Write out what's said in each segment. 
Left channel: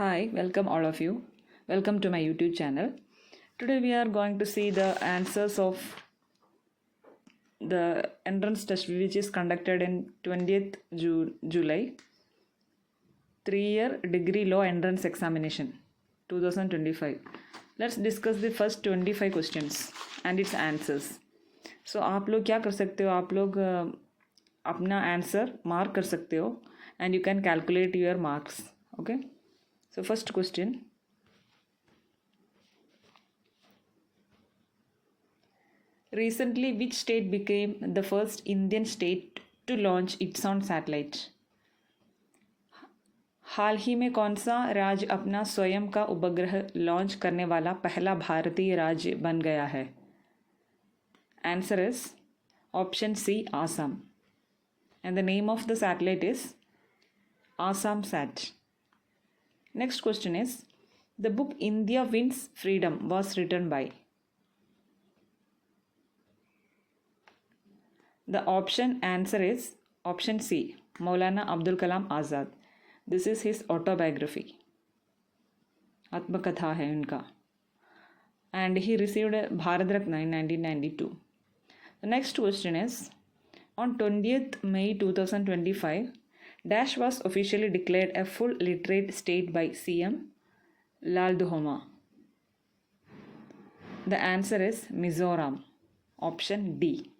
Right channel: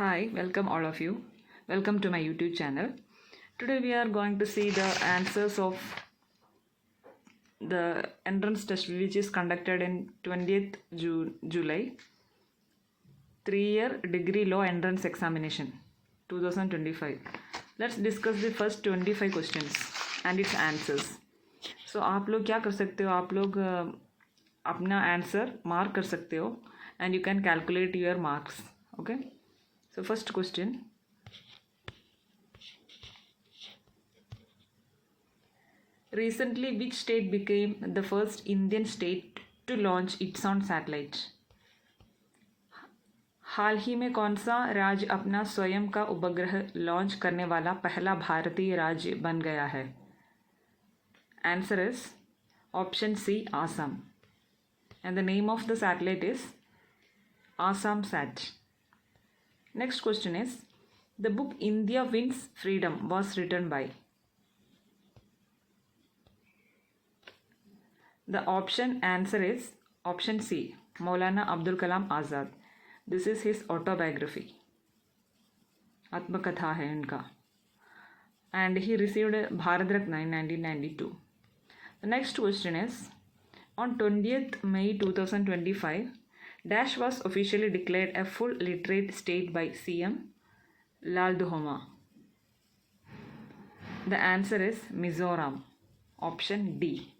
Hi, welcome all of you. Welcome to my YouTube channel. Today we are going to see the answers of the entrance test which is conducted in 20th July 3-year degree law entrance examination 2025. Let's discuss the first 25 questions and its answers. So आप लोग क्या कर सकते हो, आप लोग अपना answer mark कर सकते हो and you can calculate your marks. Okay. So first question. Recently, which state became the first Indian state to launch its own satellite? हाल ही में कौन सा राज्य अपना स्वयं का उपग्रह लॉन्च करने वाला पहला भारतीय राज्य बन गया है? Answer is option C, Assam. And the name of the satellite is Assam Sat. Next question is, the book India Wins Freedom was written by? The option answer is option C, Maulana Abdul Kalam Azad. This is his autobiography. आत्मकथा है उनका. And he received a Bharat Ratna in 1992. The next question is, on 20th May 2025, Dash was officially declared a full literate state by CM Lal Duhoma. The answer is Mizoram. Option D.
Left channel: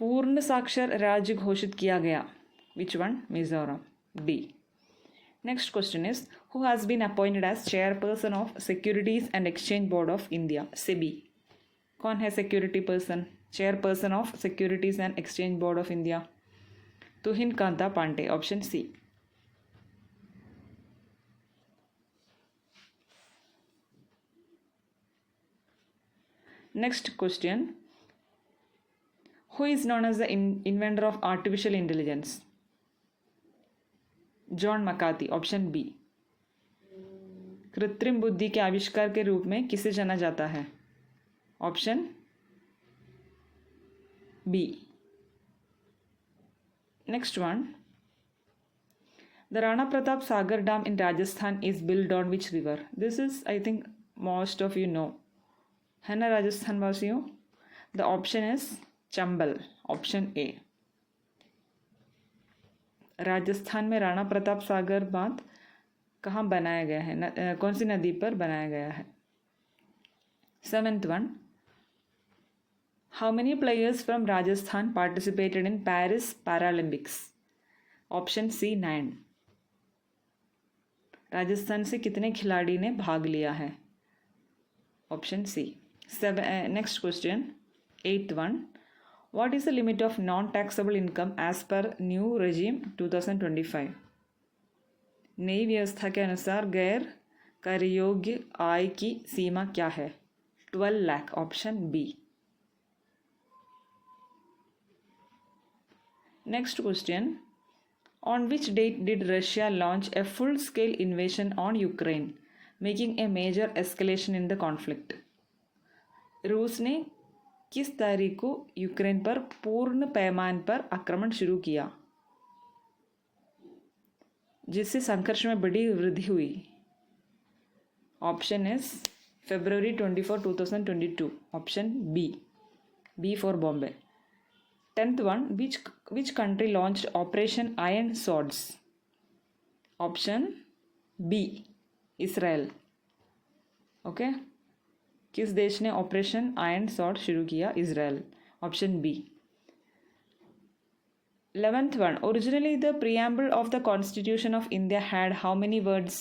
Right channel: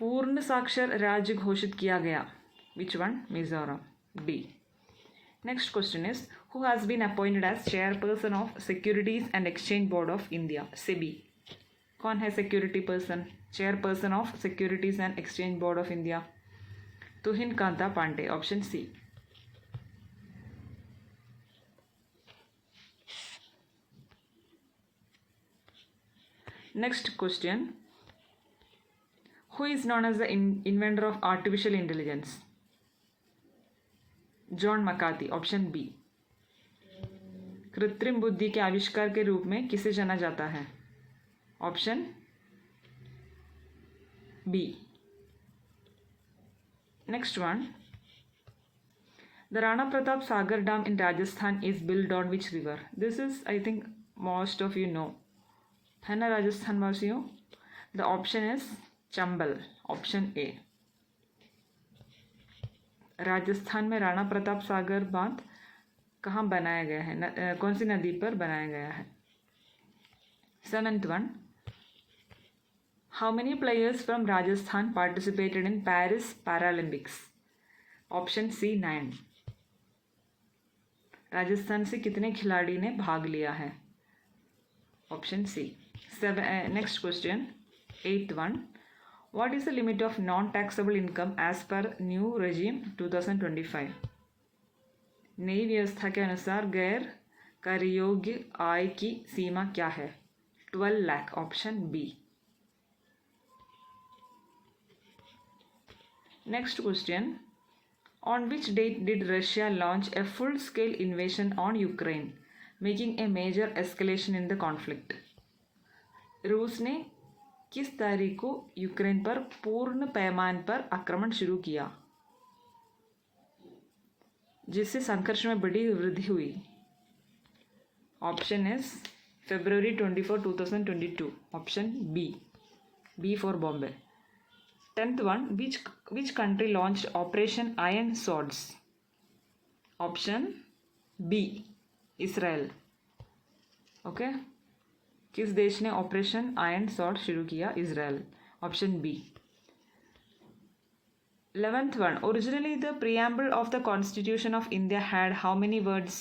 पूर्ण साक्षर राज्य घोषित किया गया. Which one? Mizoram. D. Next question is, who has been appointed as chairperson of Securities and Exchange Board of India, SEBI? कौन है security person? Chairperson of Securities and Exchange Board of India? Tuhin Kanta Pandey. Option C. Next question. Who is known as the inventor of artificial intelligence? John McCarthy. Option B. कृत्रिम बुद्धि के आविष्कार के रूप में किसे जाना जाता है? Option B. Next one. The Rana Pratap Sagar Dam in Rajasthan is built on which river? This is, I think, most of you know. है ना राजस्थान वासियों? The option is Chambal. Option A. Rajasthan में राणा प्रताप सागर बांध कहाँ बनाया गया है? कौन सी नदी पर बनाया गया है? 7th one. How many players from Rajasthan participated in Paris Paralympics? Option C 9. Rajasthan से कितने खिलाड़ी ने भाग लिया है? Option C. Next question 8th one. What is the limit of non-taxable income as per new regime 2025? नई व्यवस्था के अनुसार गैर कर योग्य आय की सीमा क्या है? 12 lakh. Option B. Next question. On which date did Russia launch a full-scale invasion on Ukraine, making a major escalation in the conflict? रूस ने किस तारीख को यूक्रेन पर पूर्ण पैमाने पर आक्रमण शुरू किया जिससे संघर्ष में बड़ी वृद्धि हुई? Option is February 24, 2022. Option B. B for Bombay. 10th one. Which country launched Operation Iron Swords? Option B. Israel. Okay. किस देश ने ऑपरेशन आयरन सॉर्ड शुरू किया? Israel. Option B. 11th one. Originally the preamble of the Constitution of India had how many words?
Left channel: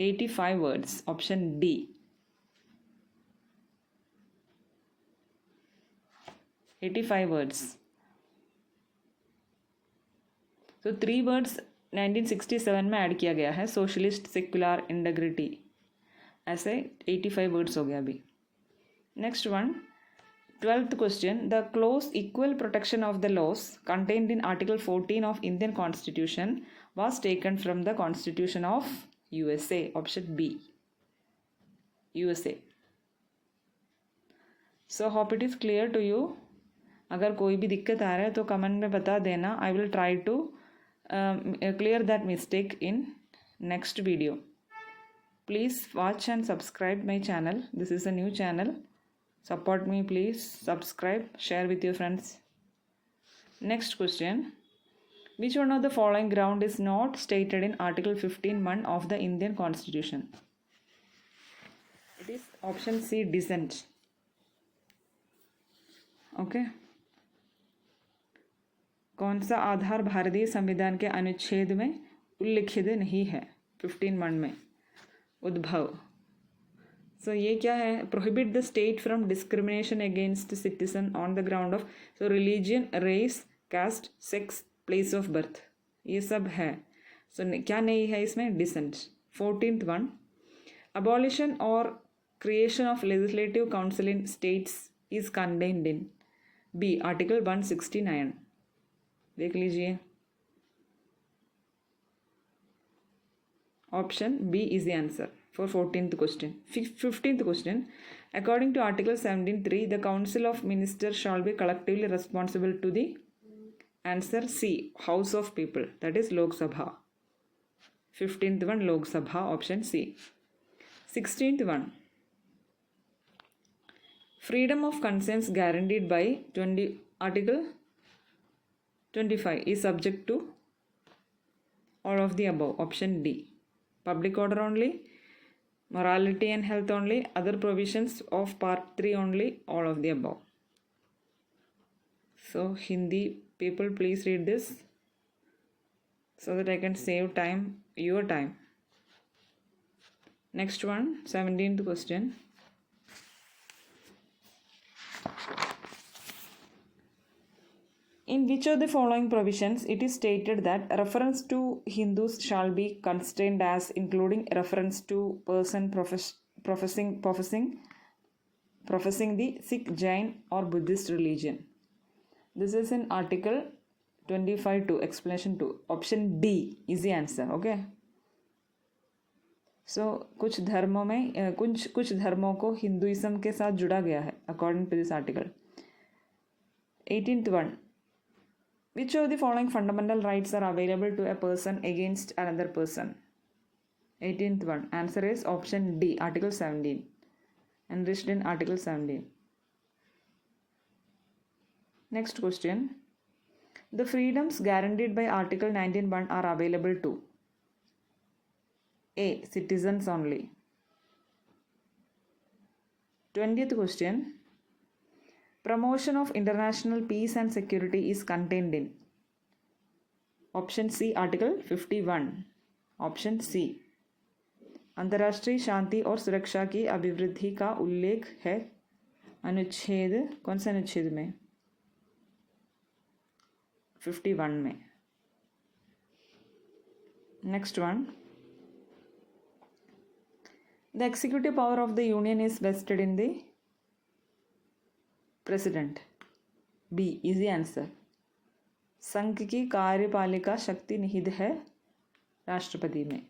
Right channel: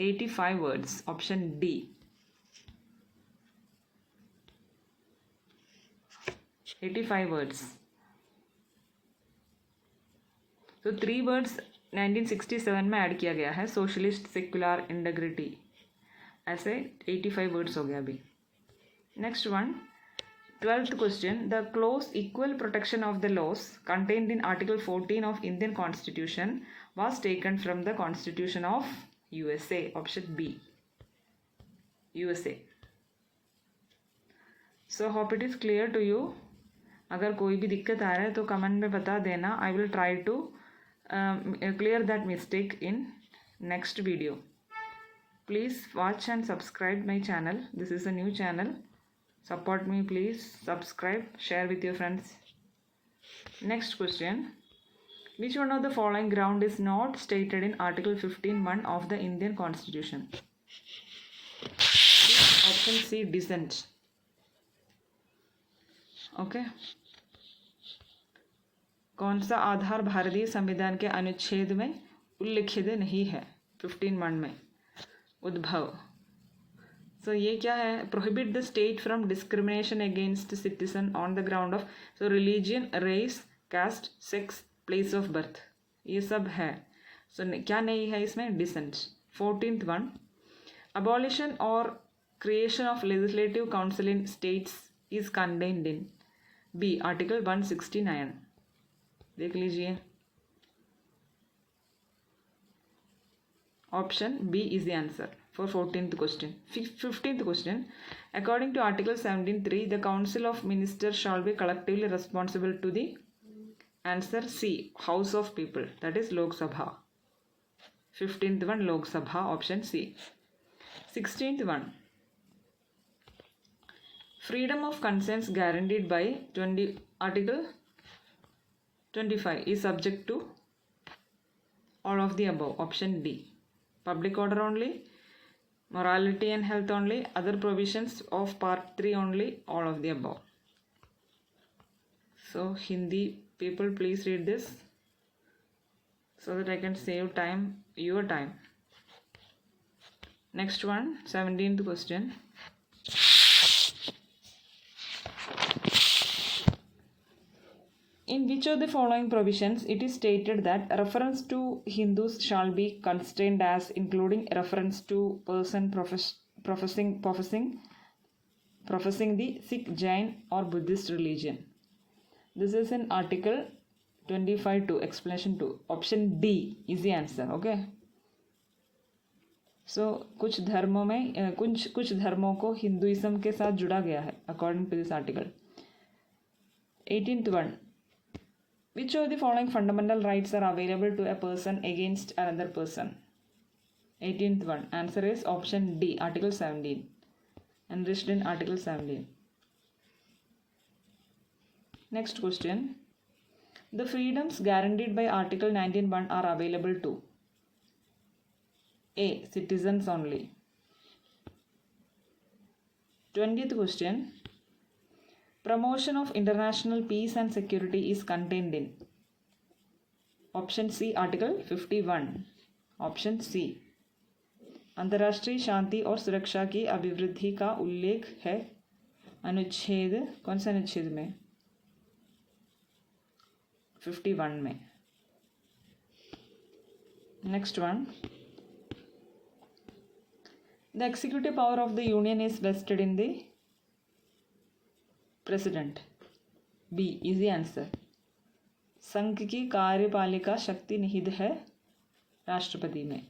85 words. Option D. 85 words. तो 3 words 1967 में add किया गया है. Socialist, secular, integrity. ऐसे 85 वर्ड्स हो गया अभी. Next one. 12th question. The clause equal protection of the laws contained in article 14 of Indian constitution was taken from the Constitution of USA. Option B. USA. So hope it is clear to you. अगर कोई भी दिक्कत आ रहा है तो comment में बता देना. I will try to clear that mistake in next video. Please watch and subscribe my channel. This is a new channel. Support me, please. Subscribe, share with your friends. Next question. Which one of the following ground is not stated in Article 15(1) of the Indian Constitution? Option C, dissent. Okay. कौन सा आधार भारतीय संविधान के अनुच्छेद में उल्लिखित नहीं है 15(1) में? उद्भव. So ये क्या है? Prohibit the state from discrimination against citizen on the ground of religion, race, caste, sex, place of birth. ये सब है. So क्या नहीं है इसमें? Dissent. 14th one. Abolition or creation of legislative council in states is contained in B. Article 169. देख लीजिए. Option B is the answer for 14th question. 15th question. According to Article 17(3), the Council of Ministers shall be collectively responsible to the answer C. House of People, that is Lok Sabha. 15th one, Lok Sabha, option C. 16th one. Freedom of conscience guaranteed by Article 25 is subject to all of the above. Option D. Public order only, morality and health only, other provisions of Part 3 only, all of the above. So Hindi people, please read this so that I can save time, your time. Next one, 17th question. In which of the following provisions it is stated that reference to Hindus shall be constrained as including reference to person professing the Sikh, Jain or Buddhist religion? This is in Article 25(2), explanation 2. Option D is the answer. Okay. So कुछ धर्मों में कुछ धर्मों को Hinduism के साथ जुड़ा गया है according to this article. 18th one. Which of the following fundamental rights are available to a person against another person? 18th one. Answer is option D, Article 17. Enriched in Article 17. Next question. The freedoms guaranteed by Article 19(1) are available to A. Citizens only. 20th question. Promotion of international peace and security is contained in option C, Article 51. Option C. अंतर्राष्ट्रीय शांति और सुरक्षा की अभिवृद्धि का उल्लेख है अनुच्छेद, कौन से अनुच्छेद में? 51 में. Next one. The executive power of the union is vested in the president. B is the answer. संघ की कार्यपालिका शक्ति निहित है राष्ट्रपति में.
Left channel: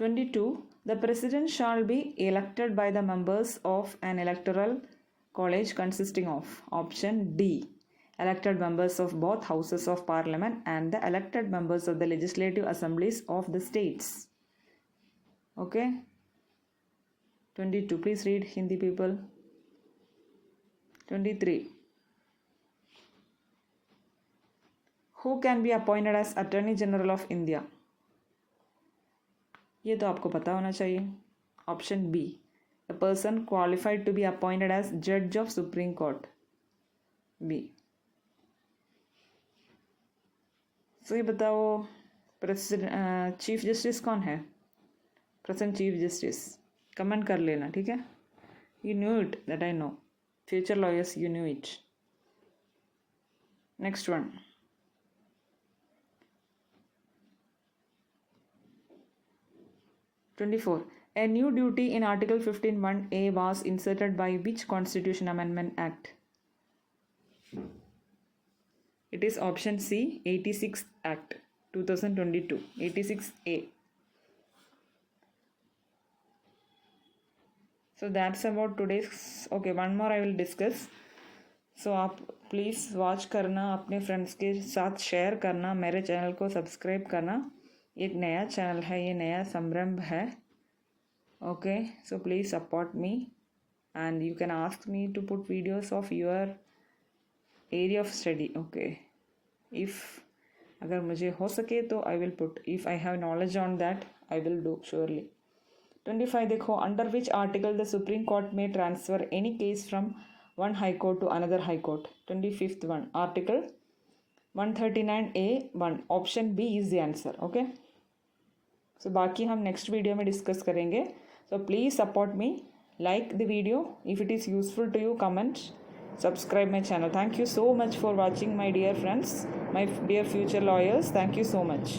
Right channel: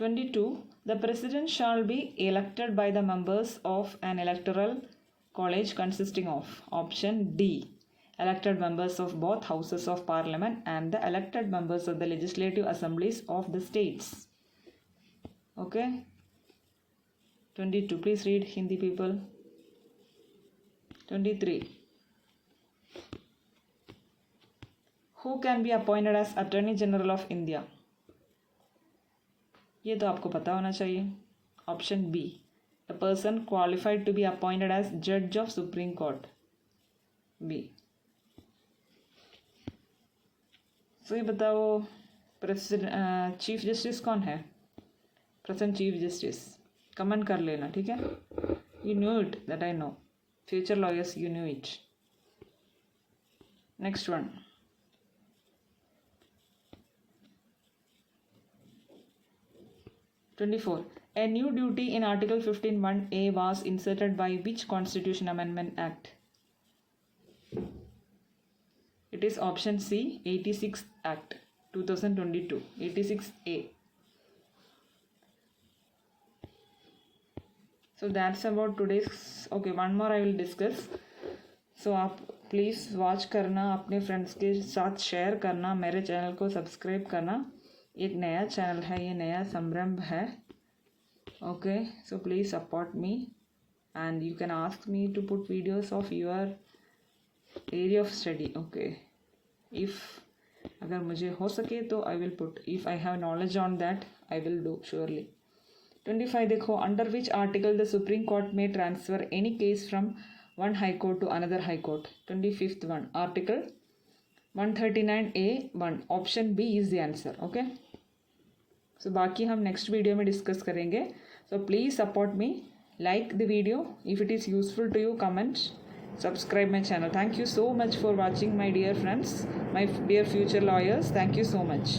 22. The president shall be elected by the members of an electoral college consisting of option D elected members of both houses of parliament and the elected members of the legislative assemblies of the states. Okay. 22. Please read, Hindi people. 23. Who can be appointed as Attorney General of India? ये तो आपको पता होना चाहिए. Option B. A person qualified to be appointed as Judge of Supreme Court. B. So ये बताओ president chief justice कौन है? Present chief justice. कमेंट कर लेना, ठीक है? You knew it, that I know. Future lawyers, you knew it. Next one. (24) A new duty in Article 15(1)(a) was inserted by which Constitution Amendment Act? It is option C, 86 Act 2022, 86A. So that's about today's. Okay, one more I will discuss. So आप please watch करना, अपने friends के साथ share करना, मेरे channel को subscribe करना। एक नया चैनल है, ये नया संरंभ है। Okay, so please support me and you can ask me to put videos of your area of study. Okay, if अगर मुझे हो सके तो I will put, if I have knowledge on that I will do surely. 25 देखो, under which article the supreme court में transfer any case from one high court to another high court. 25th one, article 139A(1), option B is the answer. Okay, सो बाकी हम next video में discuss करेंगे। सो please support me, like the video. If it is useful to you, comment, subscribe my channel. Thank you so much for watching, my dear friends, my dear future lawyers. Thank you so much.